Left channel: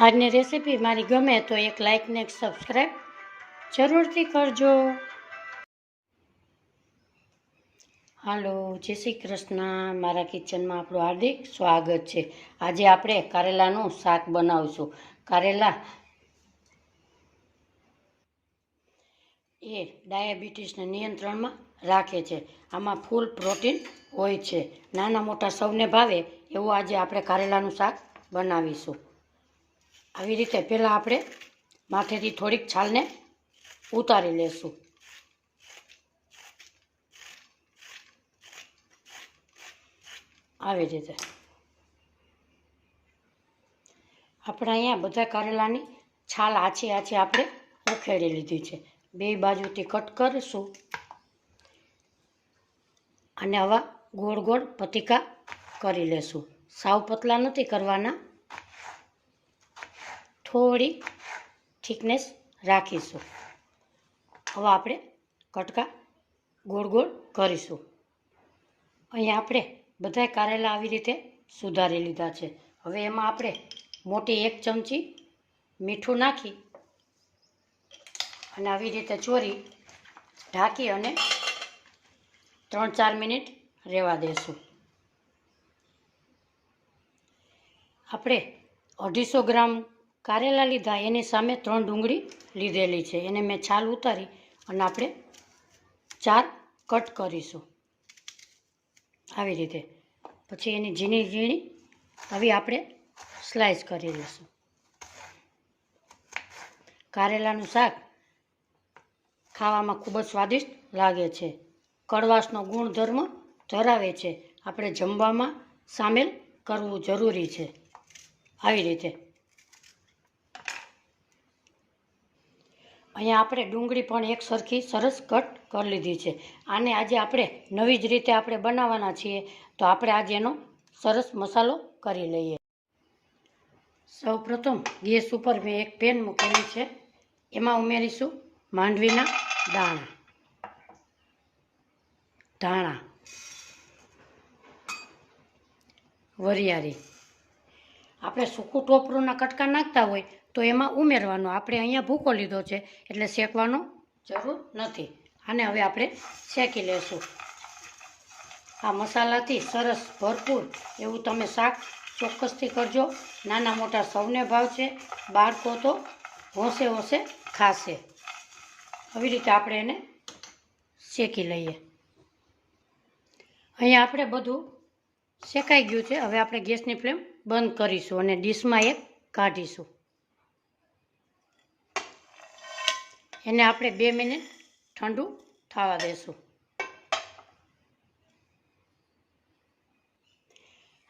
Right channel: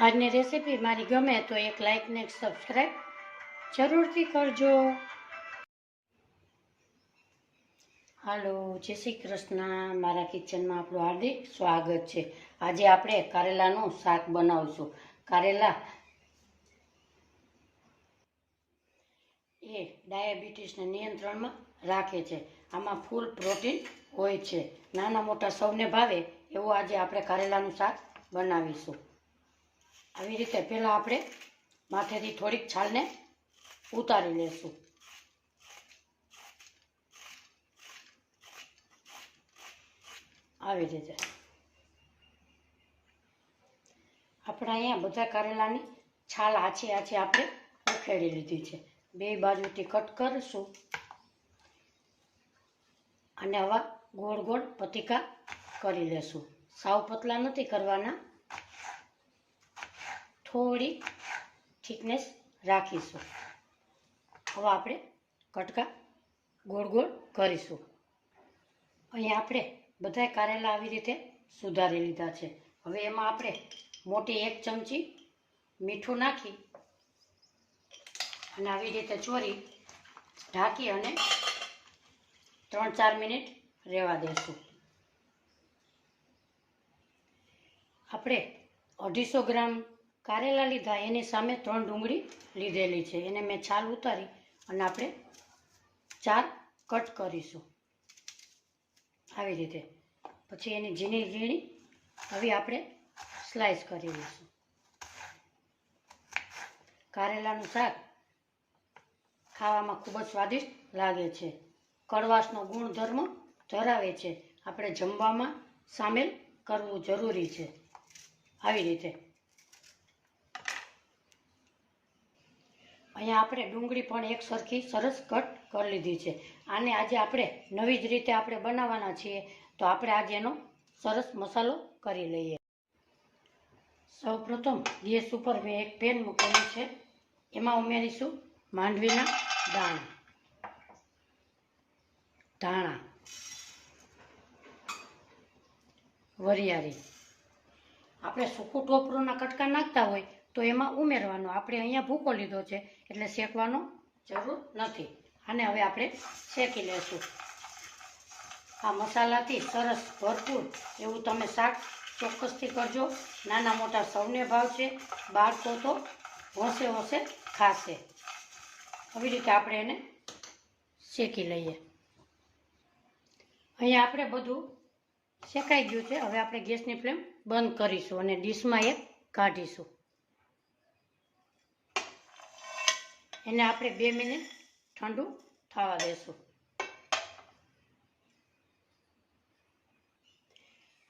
આજની રેસીપી મારી ગમે તો એક લાઇક ને એક સબસ્ક્રાઈબ જરૂરથી કરજો. હાલો, જય શ્રી કૃષ્ણ. મારા કિચનમાં આપણું હાર્દિક સ્વાગત છે. આજે આપણે કારેલાનું શાક બનાવશું. કારેલા એ ડાયાબિટીસને નિયંત્રણમાં રાખે છે. આમાં ફૂલ પ્રોટીન હોય છે. નાના મોટા સૌને ભાવે એવું આજે આપણે કારેલાનું શાક બનાવીશું. આવી રીતે પહેલાં આપણે માથેથી થોડીક છાલને ઉતારી લેશું. આવી રીતે. આપણે અહીંયા બધા કારેલાની છાલ આછી આછી આપણે ઉખેડી લીધી છે. બે બાજુથી કટ કરીશું. અને આવા ગોળ ગોળ પતિકા કરી લેશું. સાવ પતલા નથી કરવાના. થોડી થિકનેસ રાખીશું. હવે આપણે કટકા ગોળ ગોળ કરીશું. અહીંયા આપણે બધાય કારેલા આવી રીતે સુધારી લીધા છે. હવે એમાં આપણે મોટી એક ચમચી મીઠું નાખી અને આવી રીતે ચોરી ઢાંકી અને ત્રણ ચાર મિનિટ રહેવા દેશું. આપણે અઢીસો ગ્રામ કારેલા લીધા, એની સામે ત્રણ ડુંગળી લીધેલી છે. એને મેં છાલ ઉતારી અને આપણે ચાર કટ કરીશું. આવી રીતે. પછી એની ઝીણી ઝીણી આવી આપણે સ્લાઈસ કરી દઈશું કારેલાનું શાક ખાવામાં ખૂબ જ સ્વાદિષ્ટ લાગે છે. કડવાશનો ગુણધર્મ ધરાવે છે. આપણે જમવામાં સામેલ કરવું જરૂરી છે. આવી રીતે. અહીંયા આપણે ડુંગળી પણ એક સરખી સરસ કટ કરી લીધી છે. આને આજે આપણે નવી જ રીતે આપણે બનાવવાના છીએ. તો આપણે આજે એનો સરસ મસાલો કરી લઈએ. સૌ પ્રથમ ગેસ ઉપર મેં એક પેન મૂકેલી છે. એમાં ઉમેરીશું માંડવીના દાણા. ધાણા. વરિયાળી. આપણે સૂકું ટોપરોના કટકા નાખતા હોય તો એમાં ઉમેરવાનો. આપણે અહીંયા ભૂકો લીધો છે, એટલે શેકવાનો જરૂર નથી. આને હવે આપણે શેકી લેશું. આ મસાલાથી સરસ ભરપૂર એવું તમે શાક ચોક્કસથી કરજો. નાના મોટા સૌને ભાવશે બાળકો તો હોંશે હોંશે ખાશે. આવી રીતે આપણે એને શેકી લઈએ. અહીંયા આપણે બધું શેકાઈ ગયું છે. હવે આપણે ગેસની ફ્લેમ બંધ કરીશું અને ડીશમાં એક કાઢીશું. એને આપણે બે મિનિટ ઠંડુ થવા દેશું.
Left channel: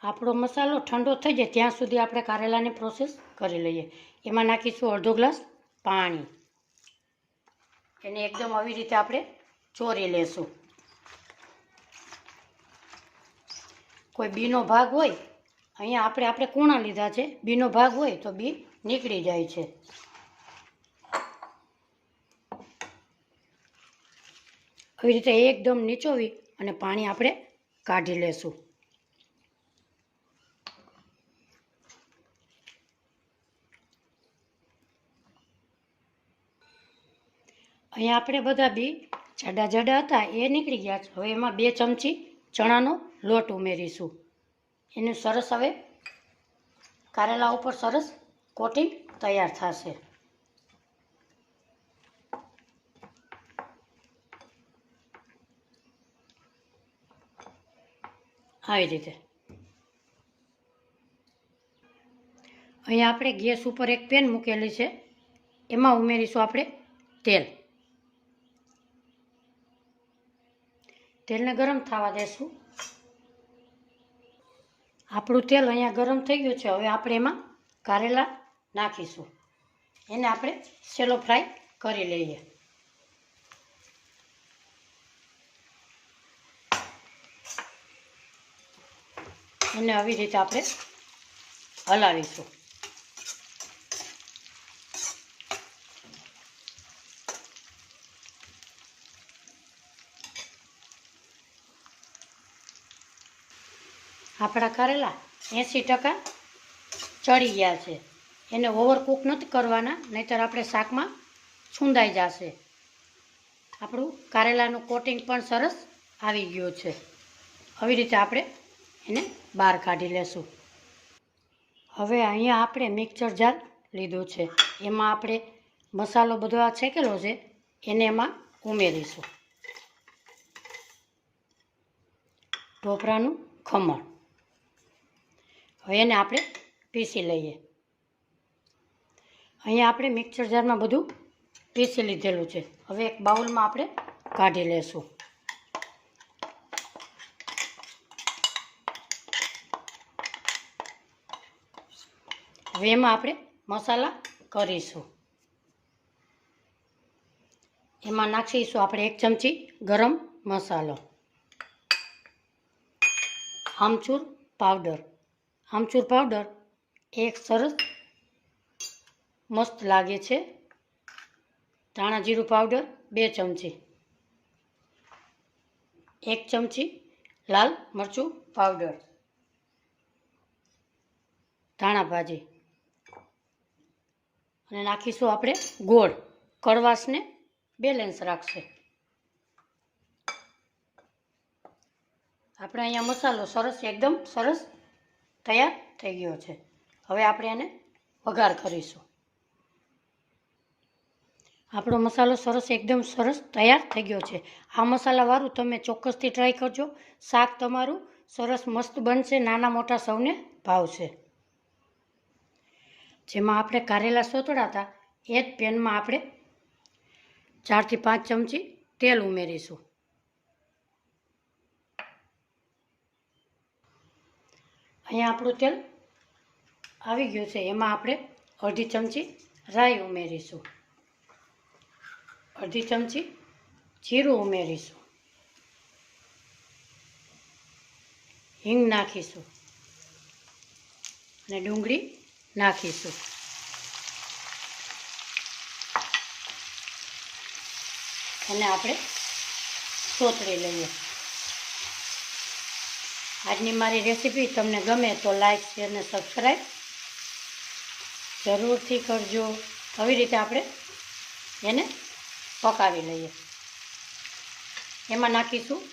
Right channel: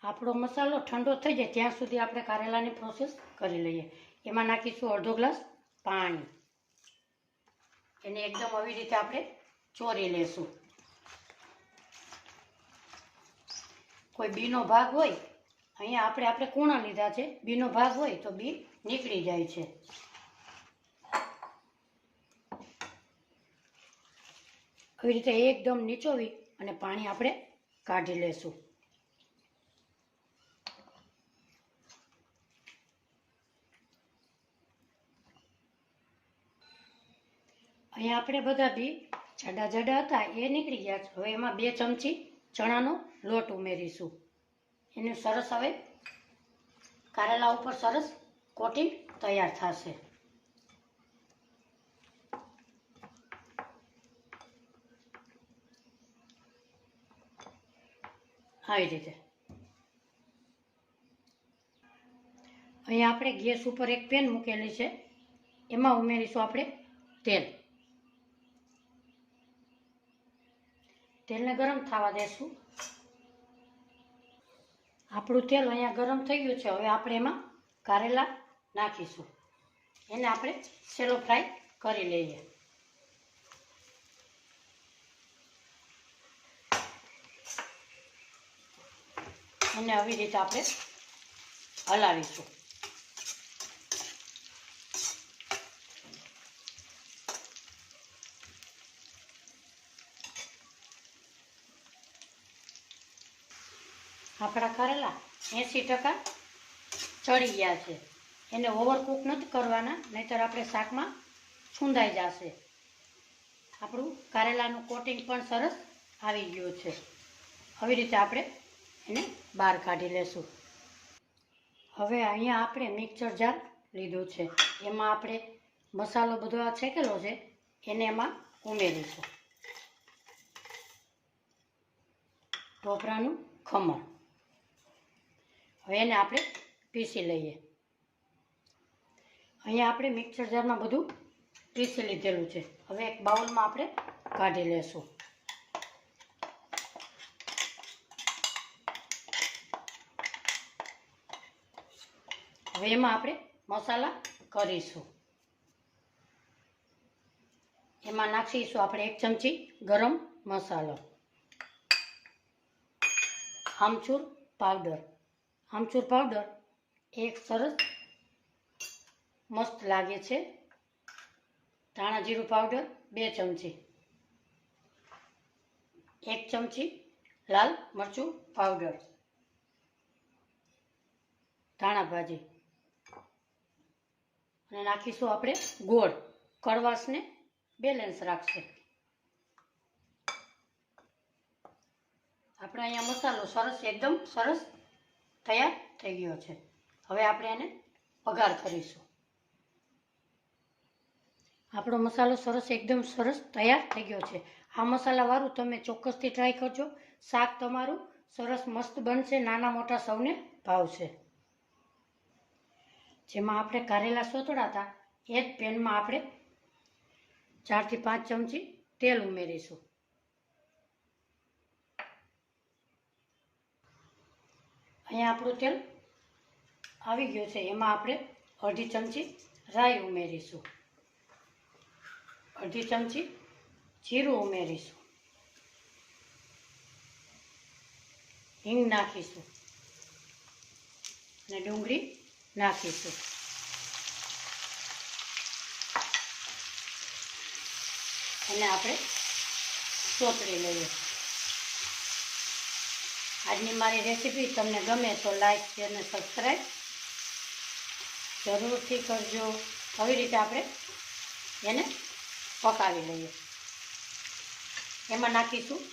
આપણો મસાલો ઠંડો થઈ જાય ત્યાં સુધી આપણે કારેલાની પ્રોસેસ કરી લઈએ. એમાં નાખીશું અડધો ગ્લાસ પાણી. એને એકદમ આવી રીતે આપણે ચોરી લેશું. કોઈ બીનો ભાગ હોય, અહીંયા આપણે આપણે કૂણા લીધા છે, બીનો ભાગ હોય તો બી નીકળી જાય છે. આવી રીતે એકદમ નીચોવી અને પાણી આપણે કાઢી લેશું. અહીંયા આપણે બધા બી જાડા જાડા હતા, એ નીકળી ગયા છે. હવે એમાં બે ચમચી ચણાનો લોટ ઉમેરીશું. એનું સરસ હવે કારેલા ઉપર સરસ કોટિંગ તૈયાર થશે. આવી રીતે અહીંયા આપણે ગેસ ઉપર એક પેન મૂકેલી છે. એમાં ઉમેરીશું આપણે તેલ. તેલને ગરમ થવા દેશું. આપણું તેલ અહીંયા ગરમ થઈ ગયું છે. હવે આપણે એમાં કારેલા નાખીશું. એને આપણે સેલો ફ્રાય કરી લઈએ. એને આવી રીતે આપણે હલાવીશું. આપણા કરેલા એંસી ટકા ચડી ગયા છે. એને ઓવરકુક નથી કરવાના, નહીંતર આપણે શાકમાં છૂંદાઈ જશે. આપણું કારેલાનું કોટિંગ પણ સરસ આવી ગયું છે. આવી રીતે આપણે એને બહાર કાઢી લેશું. હવે અહીંયા આપણે મિક્સર જાર લીધું છે. એમાં આપણે મસાલો બધો આ છેકેલો છે. એને એમાં ઉમેરીશું. ઢોપરાનું ખમણ. હવે એને આપણે પીસી લઈએ. અહીંયા આપણે મિક્સર જારમાં બધું પીસી લીધેલું છે. હવે એક બાઉલમાં આપણે કાઢી લેશું. હવે એમાં આપણે મસાલા કરીશું. એમાં નાખીશું આપણે એક ચમચી ગરમ મસાલો. આમચૂર પાવડર. આમચૂર પાવડર એક સરસ મસ્ત લાગે છે. ધાણા જીરું પાવડર બે ચમચી. એક ચમચી લાલ મરચું પાવડર. ધાણા ભાજી. અને નાખીશું આપણે ગોળ. કડવાશને બેલેન્સ રાખશે. આપણે અહીંયા મસાલો સરસ, એકદમ સરસ તૈયાર થઈ ગયો છે. હવે આપણે એને વઘાર કરીશું. આપણો મસાલો સરસ, એકદમ સરસ તૈયાર થઈ ગયો છે. આ મસાલાવાળું તમે ચોક્કસથી ટ્રાય કરજો. શાક તમારું સરસ મસ્ત બનશે, નાના મોટા સૌને ભાવશે. જેમાં આપણે કારેલા સોતળા હતા, એ જ પેનમાં આપણે ચારથી પાંચ ચમચી તેલ ઉમેરીશું. અહીંયા આપણું તેલ આવી ગયું છે, એમાં આપણે અડધી ચમચી રાઈ ઉમેરીશું. અડધી ચમચી જીરું ઉમેરીશું. હિંગ નાખીશું. અને ડુંગળી નાખીશું. અને આપણે સોતરી લઈએ. આજની મારી રેસીપી તમને ગમે તો લાઈક, શેર અને સબસ્ક્રાઈબ જરૂરથી કરજો. આવી રીતે આપણે એને પકાવી લઈએ. એમાં નાખીશું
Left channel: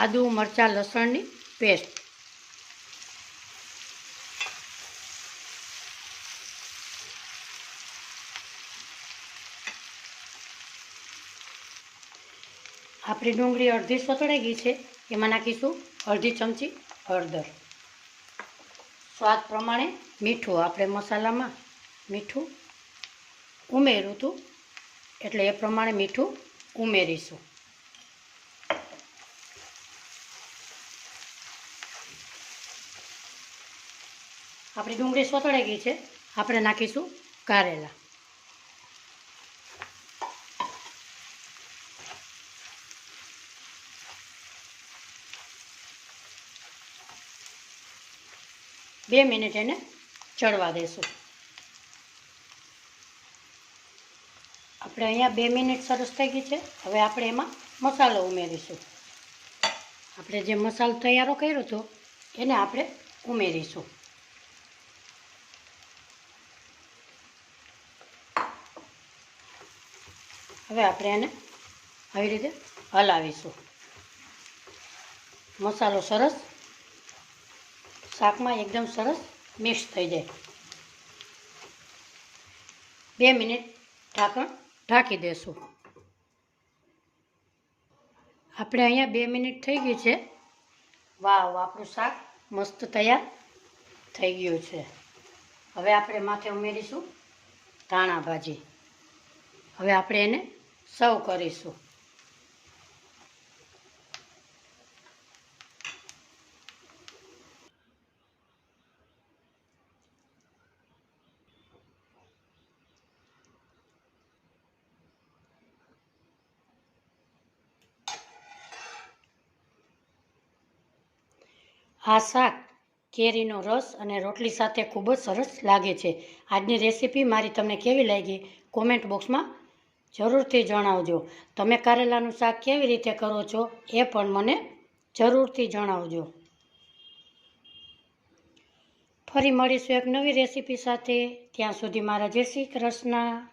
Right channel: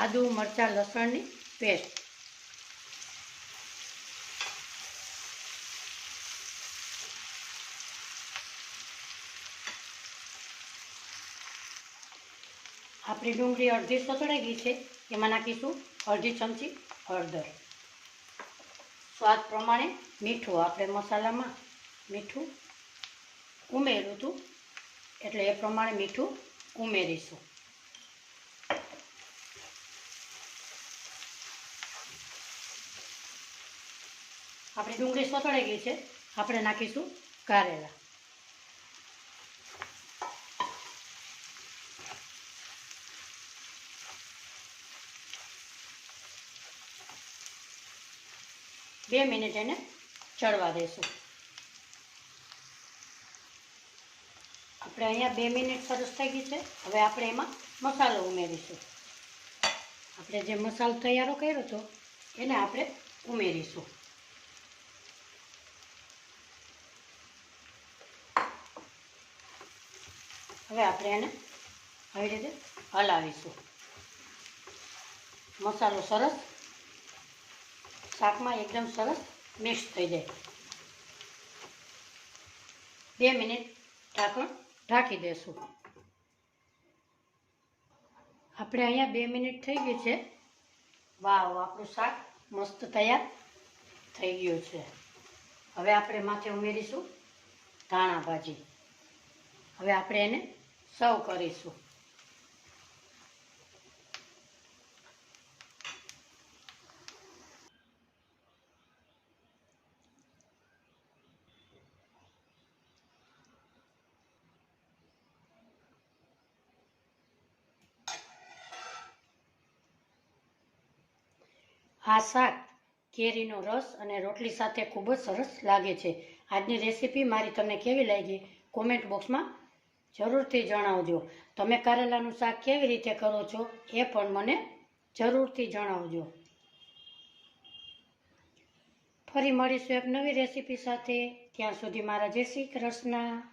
આદુ, મરચાં, લસણની પેસ્ટ. આપણી ડુંગળી અડધી સતળાઈ ગઈ છે, એમાં નાખીશું અડધી ચમચી હળદર. સ્વાદ પ્રમાણે મીઠું, આપણે મસાલામાં મીઠું ઉમેર્યું હતું, એટલે એ પ્રમાણે મીઠું ઉમેરીશું. આપણી ડુંગળી સતળાઈ ગઈ છે, આપણે નાખીશું કારેલા. બે મિનિટ એને ચડવા દેશું. આપણે અહીંયા બે મિનિટ સરસ થઈ ગઈ છે. હવે આપણે એમાં મસાલો ઉમેરીશું. આપણે જે મસાલો તૈયારો કર્યો હતો એને આપણે ઉમેરીશું. હવે આપણે એને આવી રીતે હલાવીશું. મસાલો સરસ શાકમાં એકદમ સરસ મિક્સ થઈ જાય. બે મિનિટ ઢાંકણ ઢાંકી દેશું. આપણે અહીંયા બે મિનિટ થઈ ગઈ છે. વાવ આપણું શાક મસ્ત તૈયાર થઈ ગયું છે. હવે આપણે માથે ઉમેરીશું ધાણા ભાજી. હવે આપણે એને સર્વ કરીશું. આ શાક, કેરીનો રસ અને રોટલી સાથે ખૂબ જ સરસ લાગે છે. આજની રેસીપી મારી તમને કેવી લાગી? કોમેન્ટ બોક્સમાં જરૂરથી જણાવજો. તમે કારેલાનું શાક કેવી રીતે કરો છો એ પણ મને જરૂરથી જણાવજો. ફરી મળીશું એક નવી રેસીપી સાથે. ત્યાં સુધી મારા જય શ્રી કૃષ્ણ.